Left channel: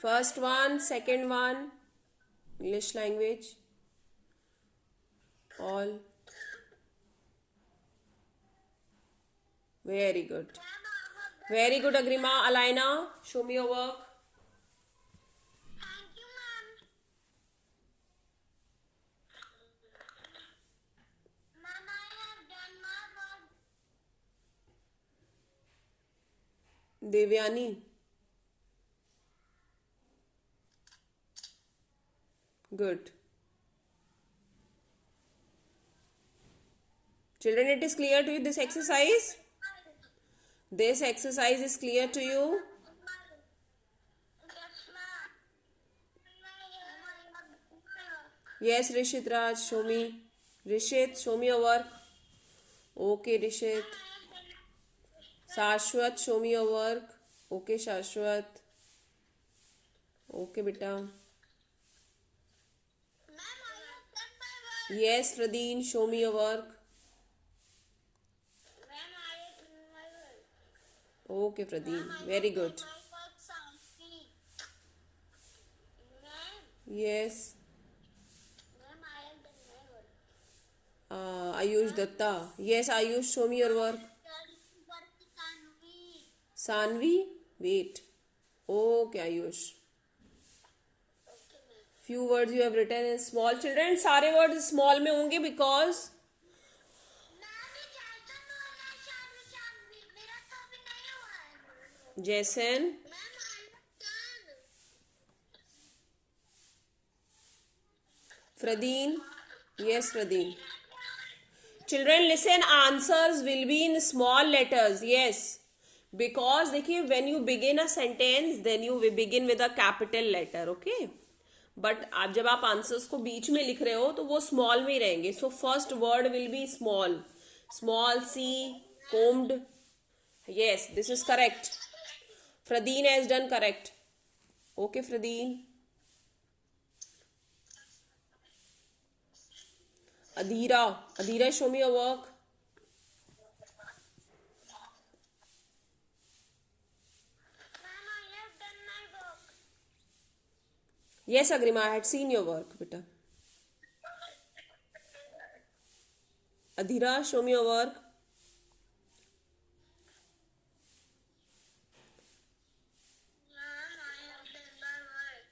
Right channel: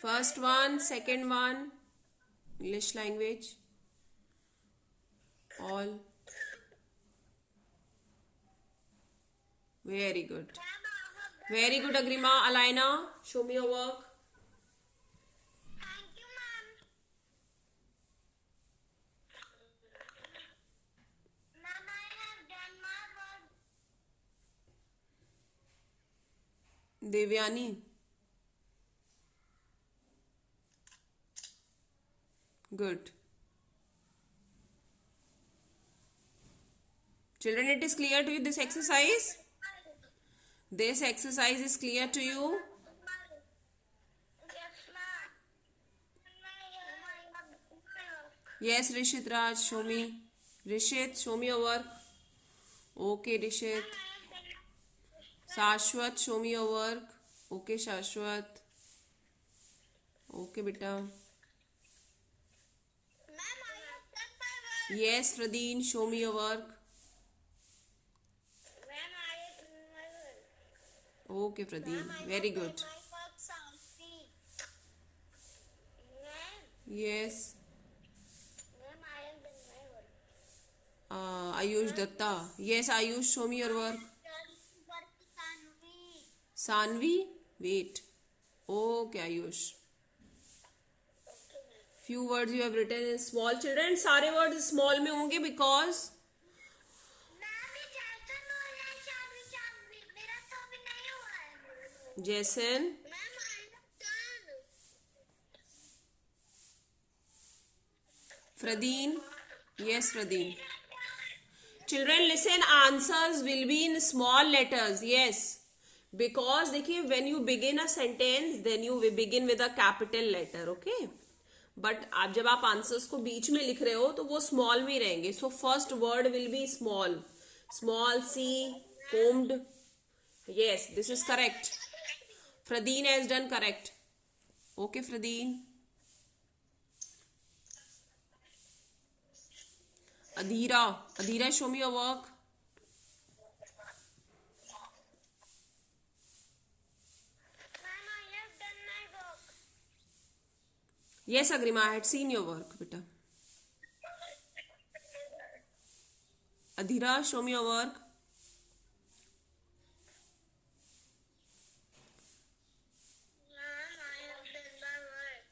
First one, second one, English language, all. Very good. Very good, Agrima. Alina, show me your work. Thank you, ma'am. Ma'am, I have done my work. Devyani. Good. Children, it is clear to you this exercise? This exercise is clear to you? Yes, ma'am. Yes, Rishit Raj, show me. Rishit, show me your work. Okay, Rishit. Shashwat, show me your work. Okay, Shashwat. Okay, beta. Ma'am, I have done my work. Yes, Pradeen, show me your work. Ma'am, I have done my work. Okay, Pradeen. Ma'am, I Very have good. done my work soundly. Ma'am, Yes. ma'am, I have done my work. Ayush Datta. Yes, Ayush, show me your work. Done work Tanvi. Sanvi, wait. Okay, Ayush. Okay, ma'am. Few words you have written in small. Children, सारे words small में होंगे because ma'am, ये जैसन हो रहा है शादी मेरा तो अभी नहीं हुआ है। Jason. Ma'am, I have done. Fradeen. Yes, Fradeen. Children, listen. Answers will be in small letters. Yes. Because देखिए, when you begin a sentence, then you begin with a capital letter. Okay. But आप जब आप answers को बीच में लिख रहे हो तो वो स्मॉल में ही रहेंगे. So first word will be small. Small C combed. Yes, this is correct. Fradeen has done correct. Okay, Fradeen. Adhira. Adhira, show me your work. Ma'am, I have done my work. Yes, Agrima, I had seen your work, beta. Adhira, show me your work. Ma'am, I have done my work.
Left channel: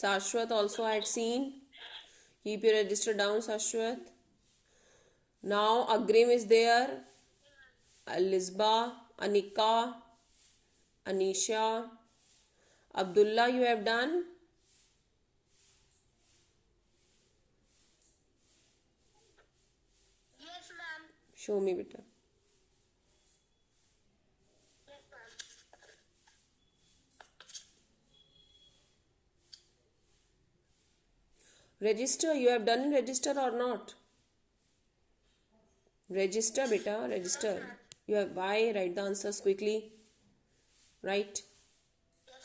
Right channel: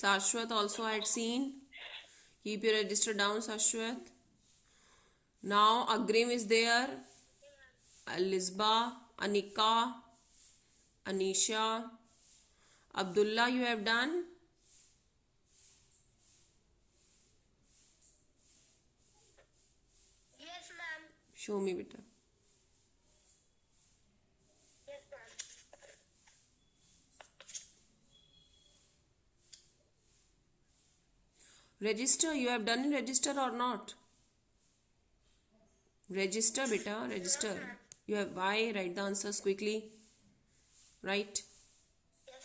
Sashwat also I had seen. Keep your register down, Sashwat. Now Agrim is there. Lisba, Anika, Anisha, Abdullah, you have done. Yes, ma'am. Show me, beta. Yes, ma'am. Register, you have done in register or not? Register, beta, register. You have why? Write the answers quickly. Right. Yes.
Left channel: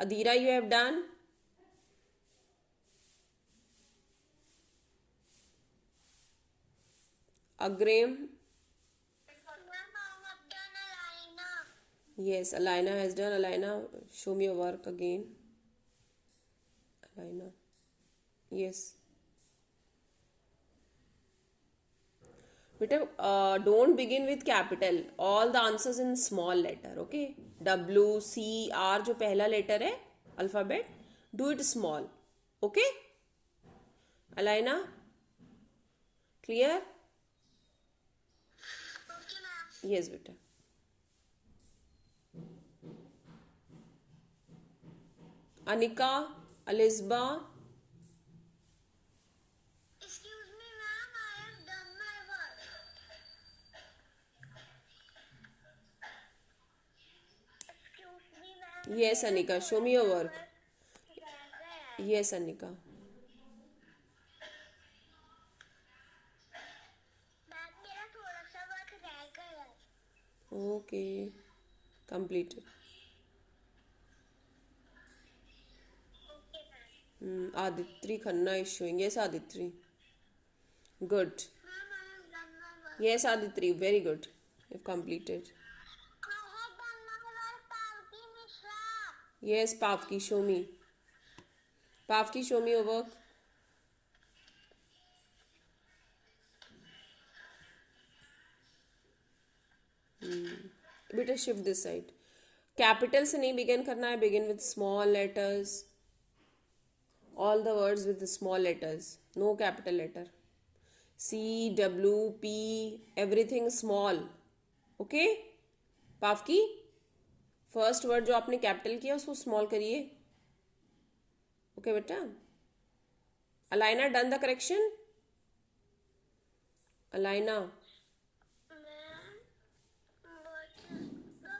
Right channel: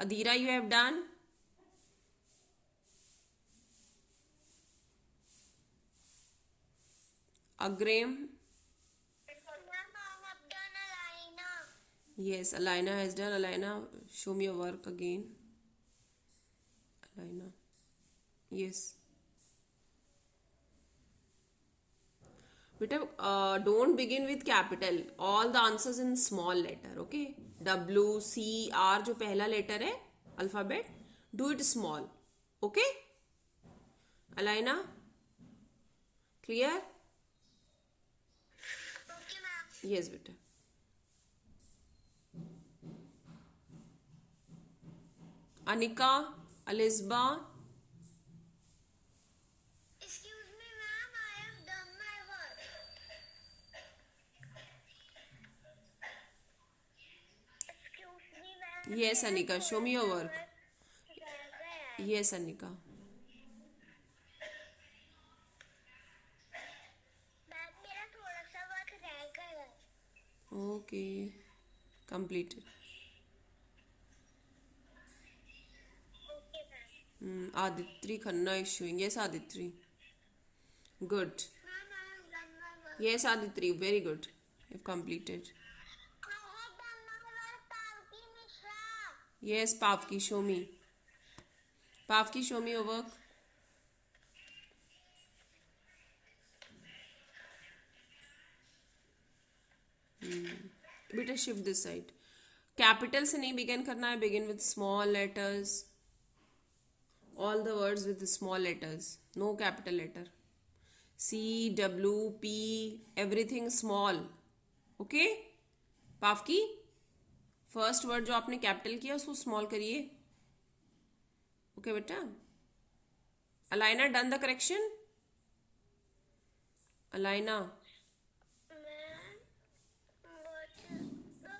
Adhira, you have done. Agrim. Ma'am, I have done a liner. Yes, Alina has done. Alina, show me your work again. Alina. Yes. Beta, don't begin with capital. All the answers in small letter. Okay. W, C, R जो पहला letter है alphabet. Do it small. Okay. Alina. Clear? Okay, ma'am. Yes, beta. Anika, Alisba. Excuse me, ma'am. I have done my work. Excuse me, ma'am. Yes, Anika, show me your work. रह गया है। Yes, Anika. Ma'am, मेरा थोड़ा सा work रह गया है। Okay. Completed. Okay, ma'am. Aditri Khanna is showing. Yes, Aditri. Good. Ma'am, I have done my work. Yes, Aditri. Very good. You've completed. I Yes, Pavki, show me. Pavki, show me your work. बेटा shift this side. Capital से नहीं begin करना है. Begin with small letters. All the words with small letters. No capital letter. C, W, P, everything small. Okay Pavki, first word जो आपने capital किया उसको small करिए. ओके बेटा. Alaina done the correction. Alaina Ma'am, what is the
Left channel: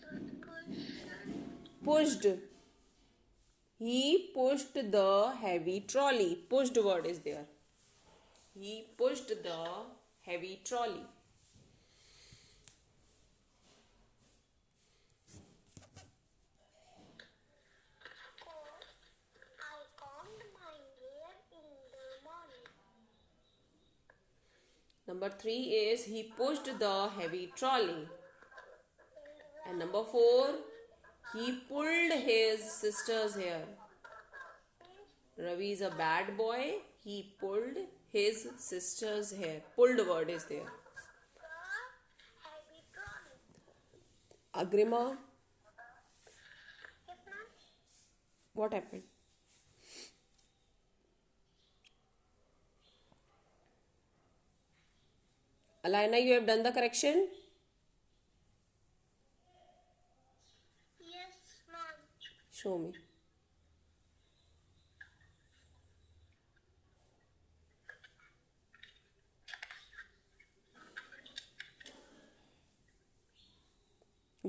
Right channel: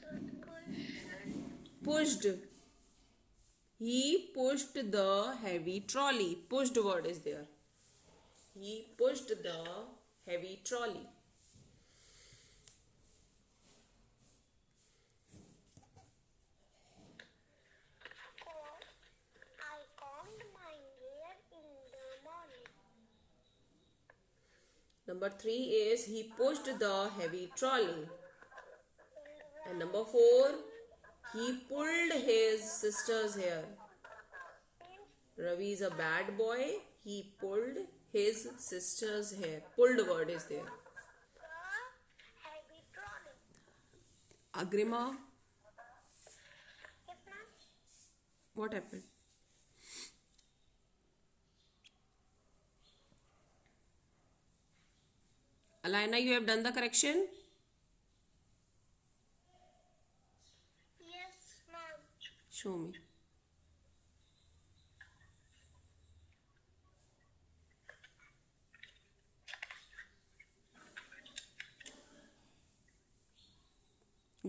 third question? pushed. He pushed the heavy trolley. Pushed word is there. He pushed the heavy trolley. Four, I combed my hair in the morning. Number 3 is he pushed the heavy trolley. And number 4, he pulled his sister's hair. Ravi is a bad boy. He pulled his sister's hair. Pulled word is there. The heavy trolley. Agrima, Yes, ma'am. what happened? Alina, you have done the correction? Yes, ma'am. Show me.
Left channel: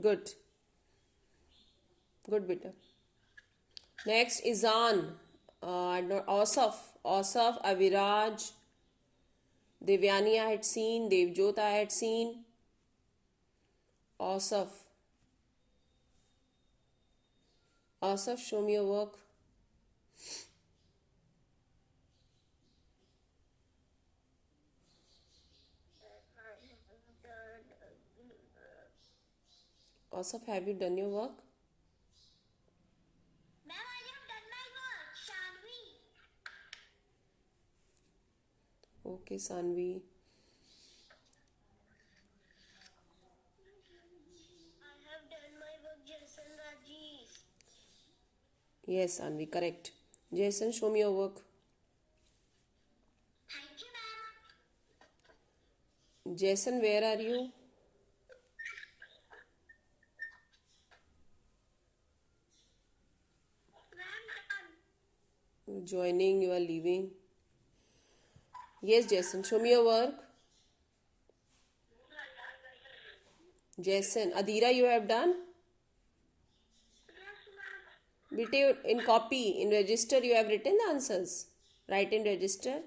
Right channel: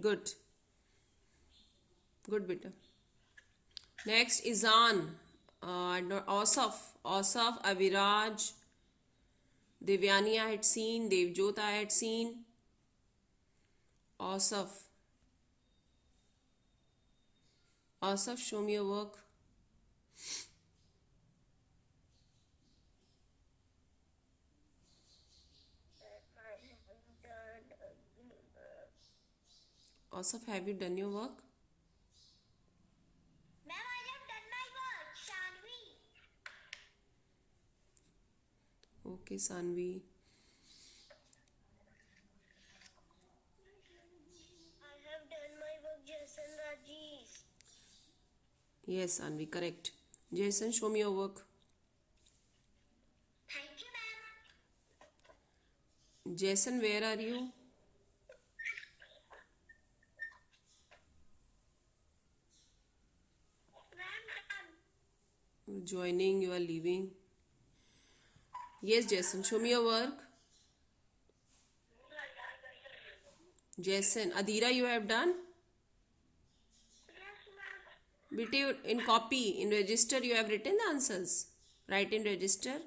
Good. Good, beta. Next, Izan. Asaf. Asaf, Aviraj. Devyani I had seen. Devjot I had seen. Asaf. Asaf, show me your work. Asaf, have you done your work? Ma'am, I have done my work. Shanvi. Okay, Sanvi. I have done my work, Jason Rajesh. Yes, Sanvi, correct. Jason, show me your work. Thank you, ma'am. Jason, where are you? Ma'am, done. You're joining, you are leaving. Yes, Jason, show me your work. Jason, Adira, you have done? Yes, ma'am. Bete, in copy, in register, you have written the answers. Write in register.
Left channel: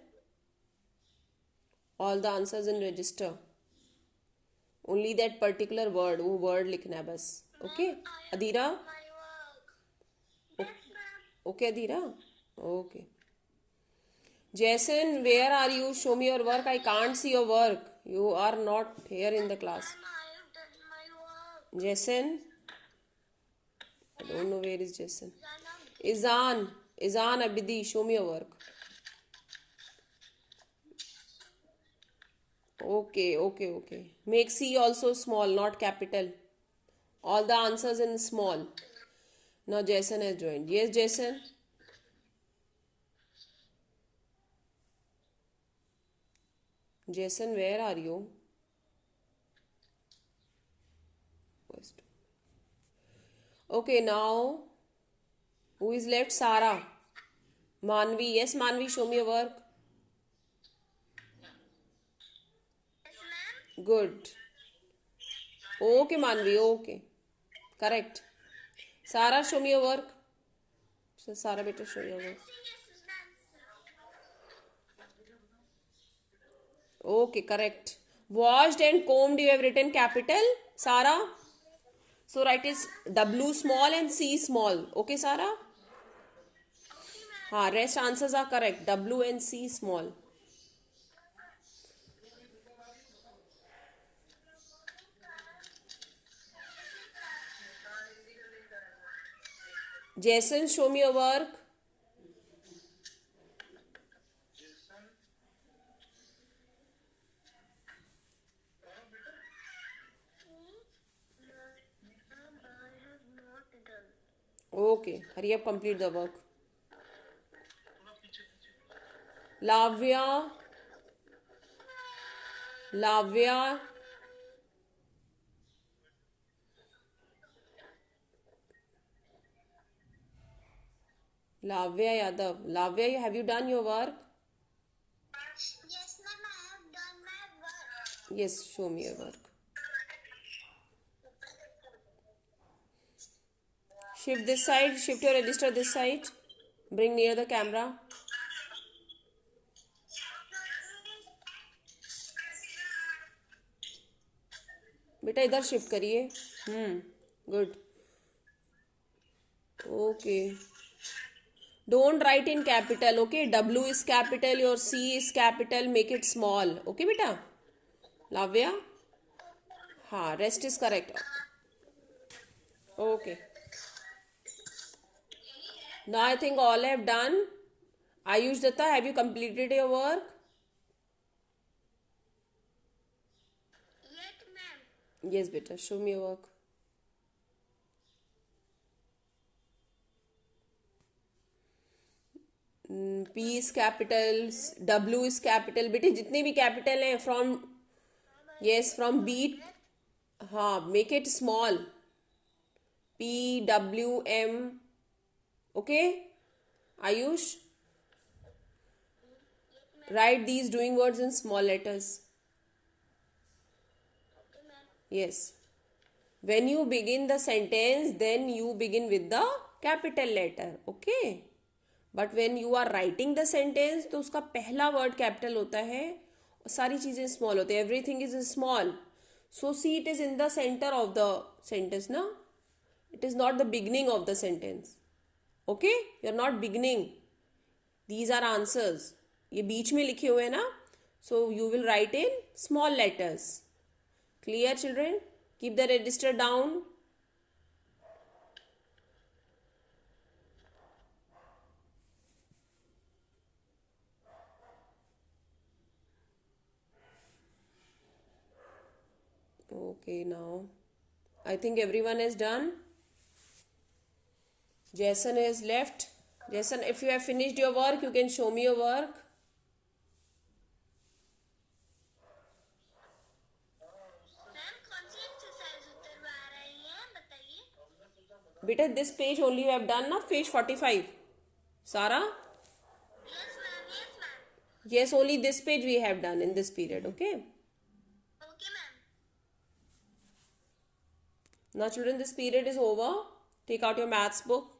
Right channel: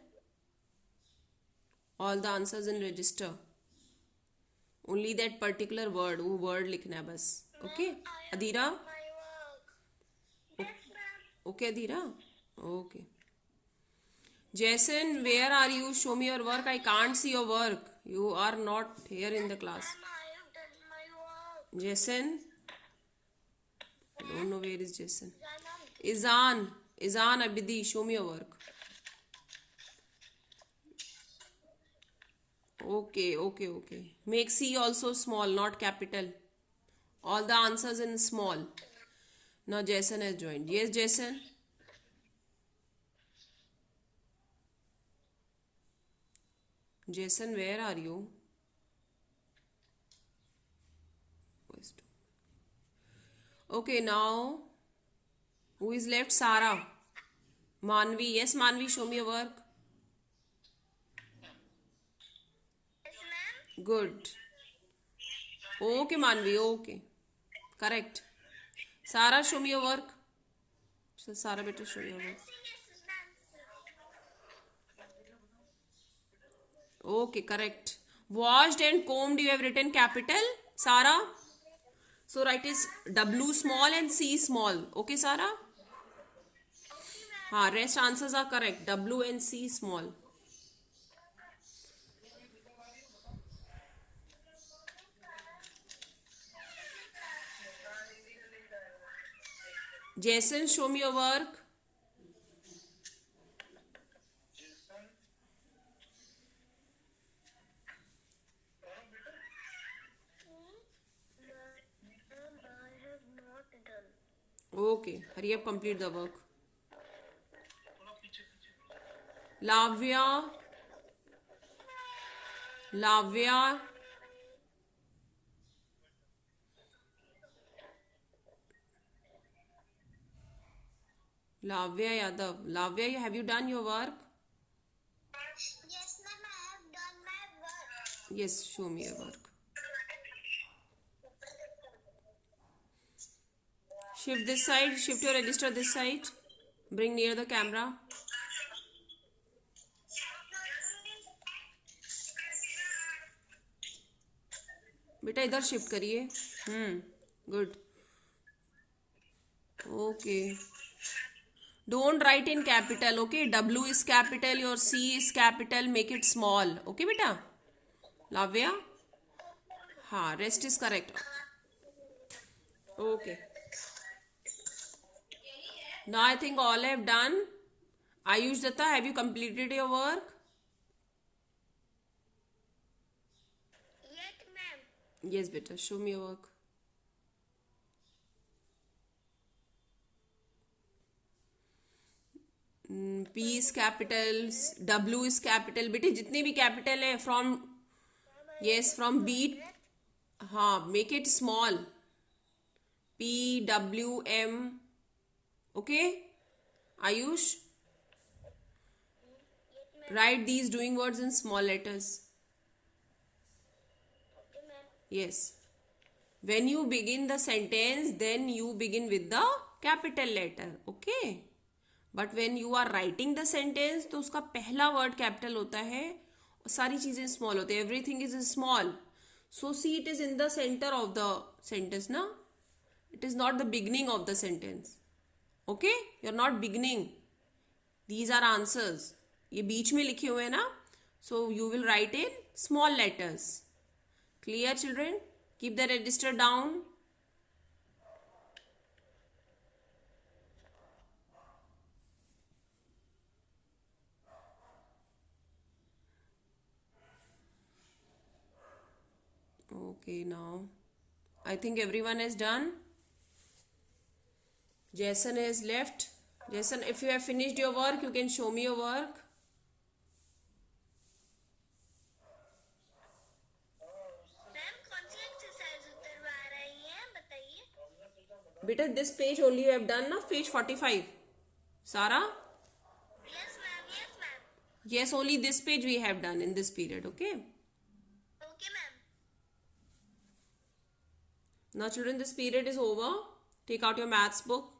All the answers in register. Only that particular word, वो word लिखना है बस. Okay, I have Adira? done my work. Yes, ma'am. Okay, Adira? Okay. Jason, where are you? Show me your work. I can't see your work. You are not here in the class. Ma'am, I have done my work. Jason? I don't know where is Jason. Zanam. Izan Abidi, show me your work. Okay. Make C also small, not capital. All the answers in small. Now Jason has joined. Yes, Jason? Jason, where are you? Okay, now who is left? Sarah. Manvi. Yes, Manvi, show me your work. Yes, ma'am. Good. Okay, Manvi, okay. Correct. Sarah, show me your work. So, Sarah, better show your work. Yes, ma'am. Okay, correct. Washed and combed, you have written capital, Sarah. So, write is W small and C small. Okay, Sarah? Rest answers are correct. W and C small. Jason, show me your work. I have not done. Okay, hurry up, complete the work. Lavya. Lavya. Lavya Yadav. Lavya, have you done your work? Yes, ma'am, I have done my work. Yes, show me your work. Shift this side, shift your register this side. Bring near the camera. बेटा इधर shift करिए. Good. Okay. Don't write in capital, okay? W is capital, your C is capital, make it small. Okay, beta? Lavya? हाँ, rest is correct. Okay. Now I think all have done. Ayush Datta, have you completed your work? Yet, ma'am. Yes, beta. Show me your work. P is capital, W is capital. बेटे जितने भी capital हैं from yes from B. हाँ, make it small. P W M. Okay, Ayush. Write these doing words in small letters. Okay, ma'am. Yes. When you begin the sentence, then you begin with the capital letter. Okay. But when you are writing the sentence, तो उसका पहला word capital होता है और सारी चीजें small होती है. Everything is small. So see, it is in the center of the sentence, na? It is not the beginning of the sentence. Okay? You are not beginning. These are answers. ये बीच में लिखे हुए हैं ना? So you will write in small letters. Clear, children? Keep the register down. Okay, now I think everyone is done. Jason is left. Jason, if you have finished your work, you can show me your work. Ma'am कौन सी exercise उतरवा रही हैं बताइए. Beta, this page only you have done, na? Page 45. Sarah? Yes, ma'am. Yes, ma'am. Yes, only this page we have done in this period, okay? Okay, ma'am. Now, children, this period is over. Take out your maths book.